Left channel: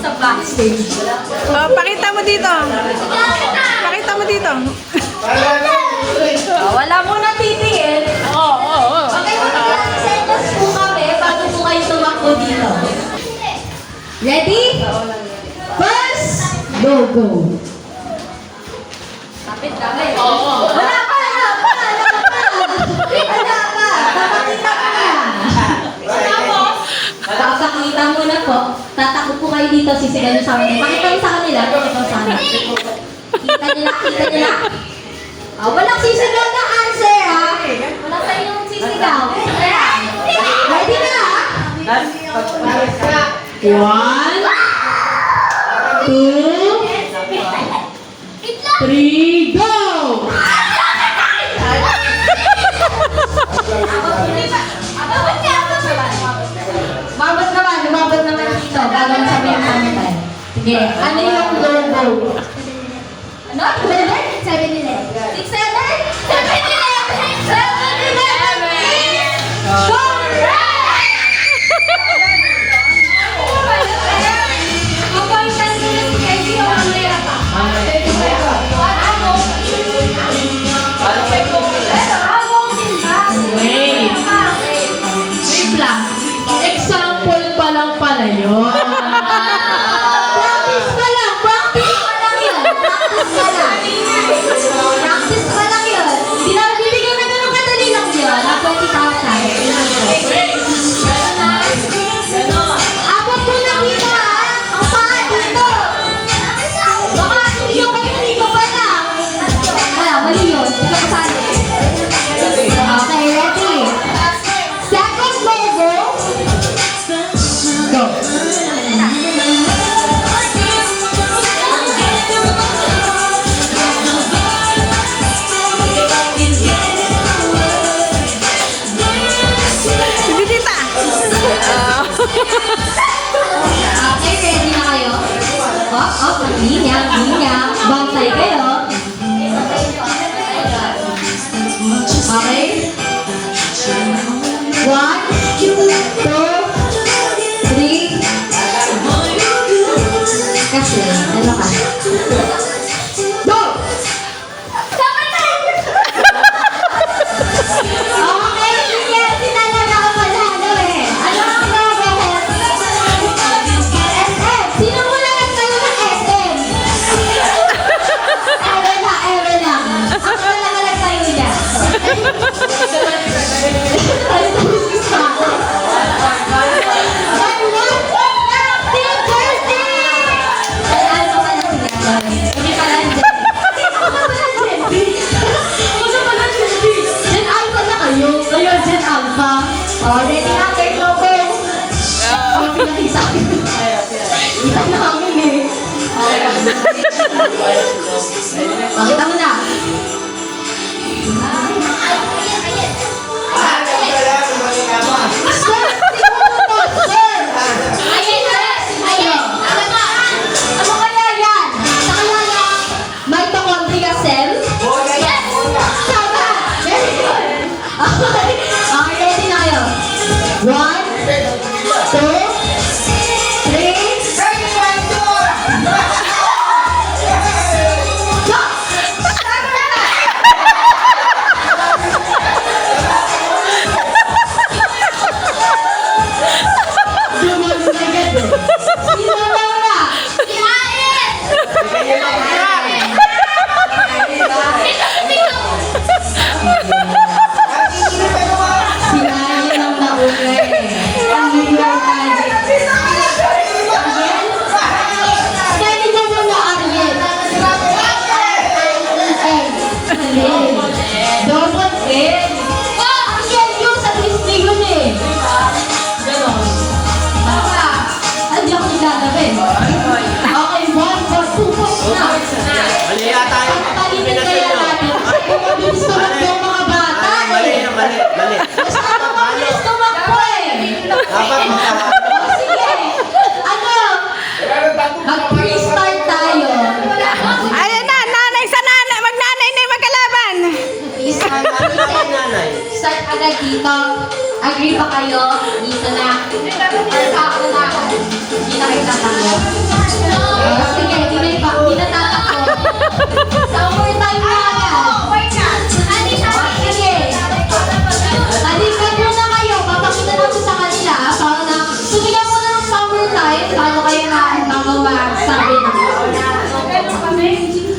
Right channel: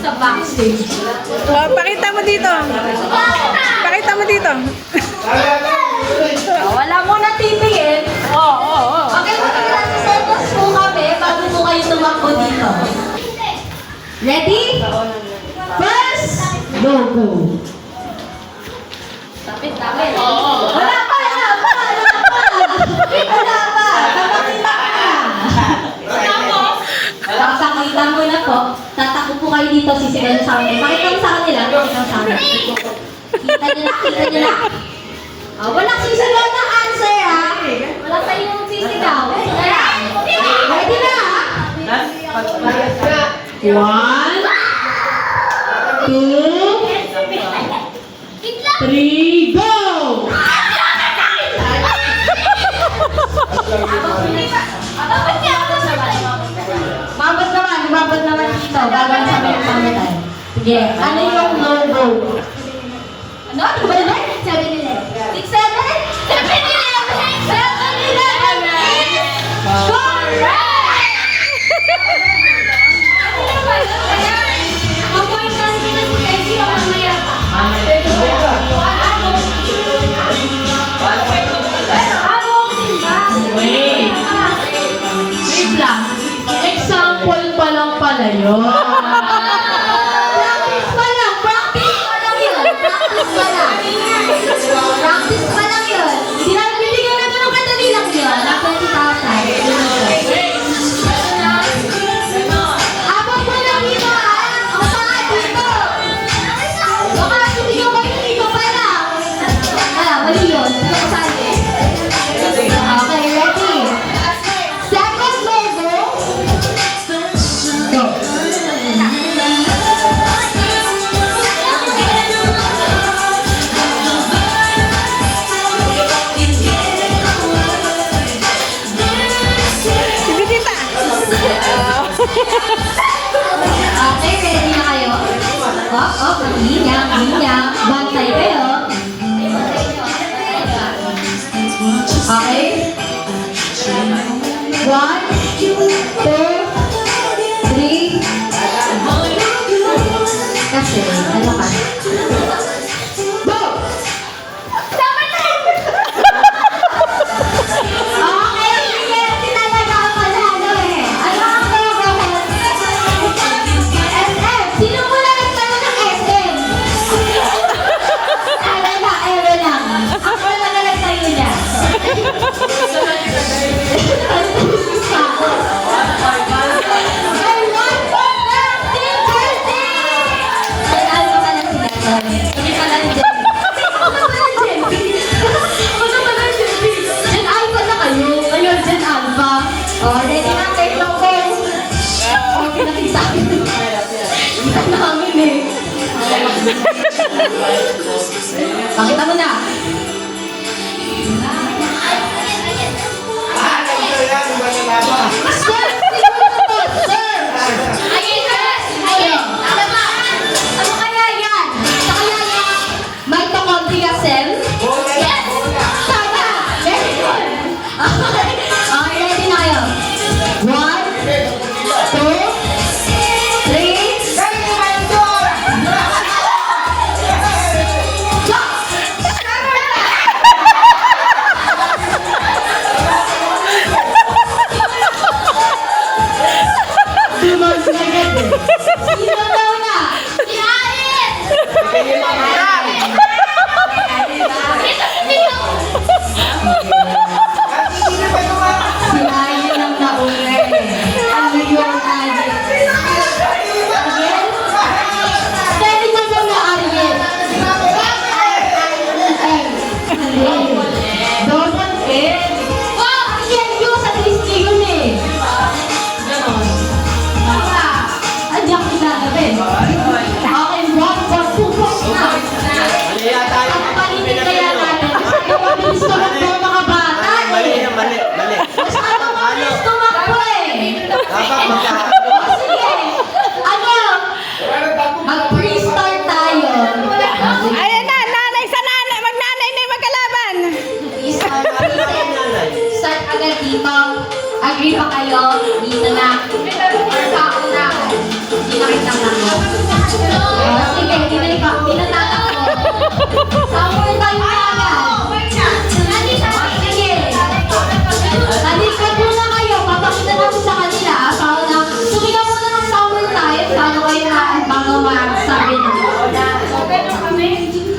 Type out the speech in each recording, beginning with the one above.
Sa backstage. Oh, pakita mo dito. Pakita mo dito. Wala mo na titingin. Okay, mag-seconds po kami bago po kayo tumakbo dito. Ready? First, go. Tapit. Wala pa. Papakita mo na po. Tatakbo po kayo dito, sisigaw nyo sa amin. Pakita mo sa kanila. Kita nila. Walang sisigaw na answer, ha? Wala sa inyong sisigaw. Ready na, ha? 1, 2, 3, go! Umabot naman dito. Bago ang sabi ang kanya tayo. Sige, ano yung logo? Ano? 7-Eleven? 7-Eleven. 6-7? 7-Eleven! 7-Eleven! Correct! Mapointan ko na si Casey o mamaya pa. Wait. Wait lang. Example pa lang pala yun. Practice pa lang yun. Practice pa lang yun. Hindi namin bibigyan na ganun kadali lang yun. Na 20,000. Abang po lang dito, ha? Kapaan dito. Baka sumiyo kayo dito pa lang. Wala, mali yun. Okay, ready? Second logo. Go. Bisita. Okay, ready na kayo? Linya. Bantay kayo. Okay? 1, 2, 3. Kasi, ano ka? Go! Okay, sige, talaga ako manalo eh. Ano ang nagawin? SM! Sino muna nagtalo ng SM? Eme lang. Ako lang na nagtayo niya. Ready na kayo, logo. Pinakita namin eh. Pakita mo na. Sir! Ano kaya yan? Sa kaya yan? May tokontri ka, Sel? Yes! Tama! Very good! Okay, ready na kayo? 1, 2, 3, Mali. Dapat Sige! Ano? Mag-restart tayo. Ayan na, nanay sa nanay. Magnanay na yung magkalaban. Start agad dito. Agree pa kayo? Dito na. Sa ako na. Dito kayo Sige, hindi natatakot. Summer time na agad. Sige. Talikod muna kayo. Papakita natin sa kanila. Para na, sumigaw mo na ng summer time. Bago kayo magsabi na.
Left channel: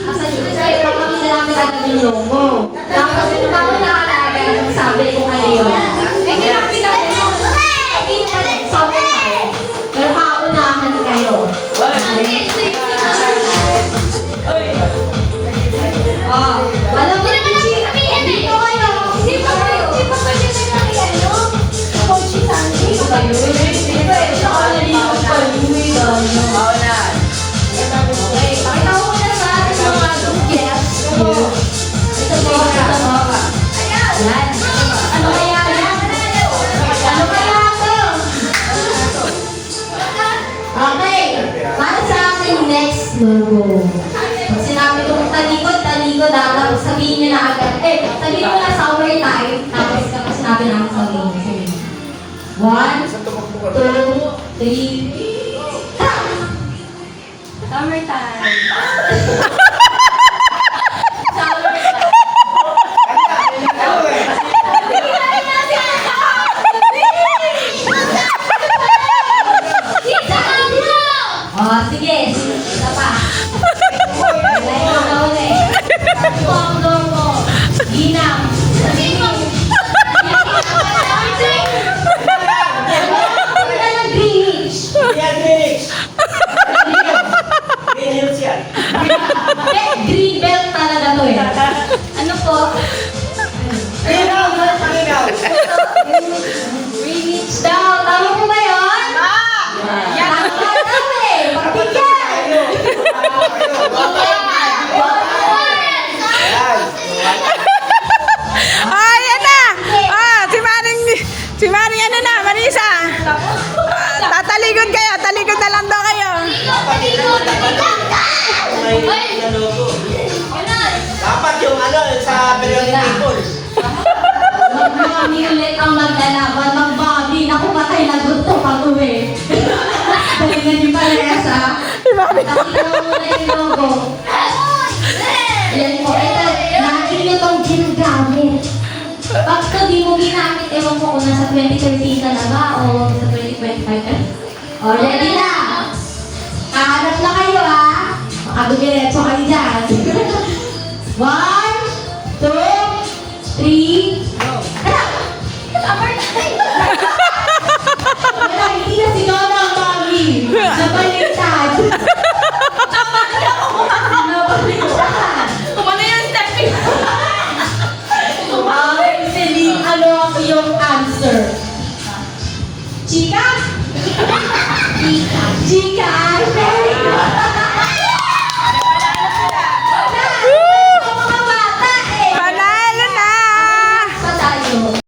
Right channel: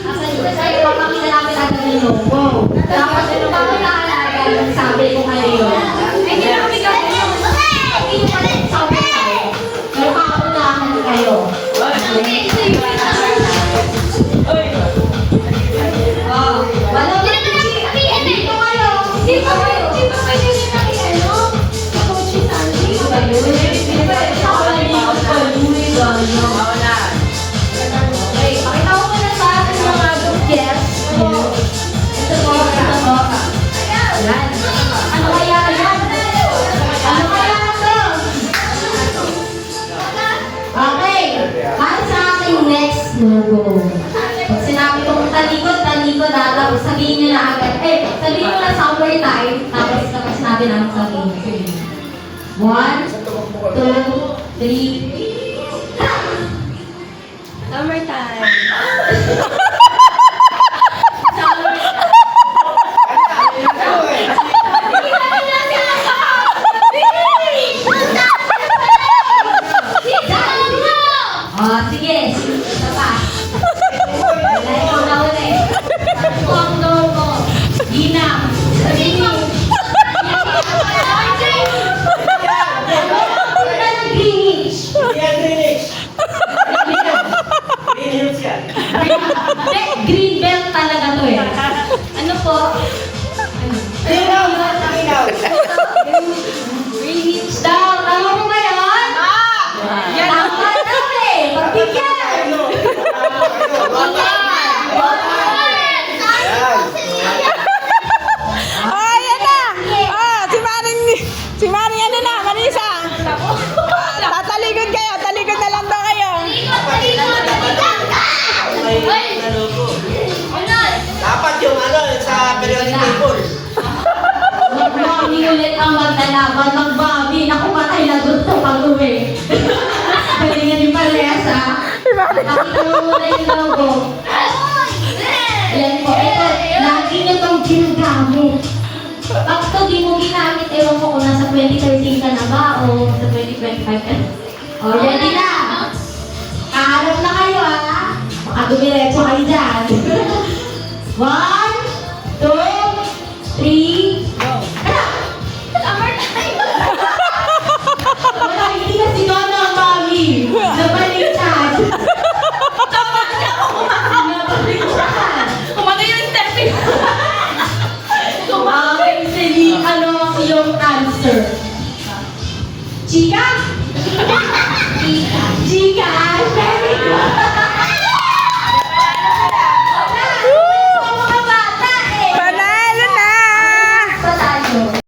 Asa dito sa'yo, papakita namin agad yung logo. Tapos, bago na agad yung sabi ko kayo. Summer time. Pero paunahan kayo. Oh, wala mo na dito kayo. Dito kayo. Coach Sandy. Okay, pakita ko muna sa ating mga guests. Ito po. Yan. Ano kaya yan? Ano kaya ito? Okay. Para sa ating next logo. Pag sinabi kong talikod, tapos sabihin nyo na agad. Sabihin mo na summer time. Tapos kapag sinabi na ako sabihin nyo. 1, 2, 3. Summer time. Summer time. Sige. Isa pa. Ikaw na ulit. Ang logo. Ginang. Greenwich. Yan, Greenwich. Green Hills yan. Green belt talaga to eh. Ano po? Minaw, minaw. Greenwich daw. Tama mo ba yun? Tama daw eh. Pagbigyan. Ayan na. Si Maring ano na, Marisa. Tatalikod kayo, talikod na lang daw kayo. May logo. Dapat yung sa periodic table. Mag-Bobby ulit ang maglalaban. Mag-Bobby. Naku, patay na gusto pag-uwi. Galingan din pala yasa. Pakita mo muna yung logo. Yan po. Ito, lagi nyo itong ginagamit. Pag ito di mo ginamit, ewan ko kung nasa 2013 ka na ba o sa 2025 ka na. O, ready na. Kaharap na kayo ah. Makagumiretso kayo dyan. 1, 2, 3, go. Ano? Summer time. Wala, hindi na si Nona ang mami. Nabaliktad. Nabaliktad. Kumano yung step Okay, Celine, ano ang iyong answer? Chika? Chika. Chika,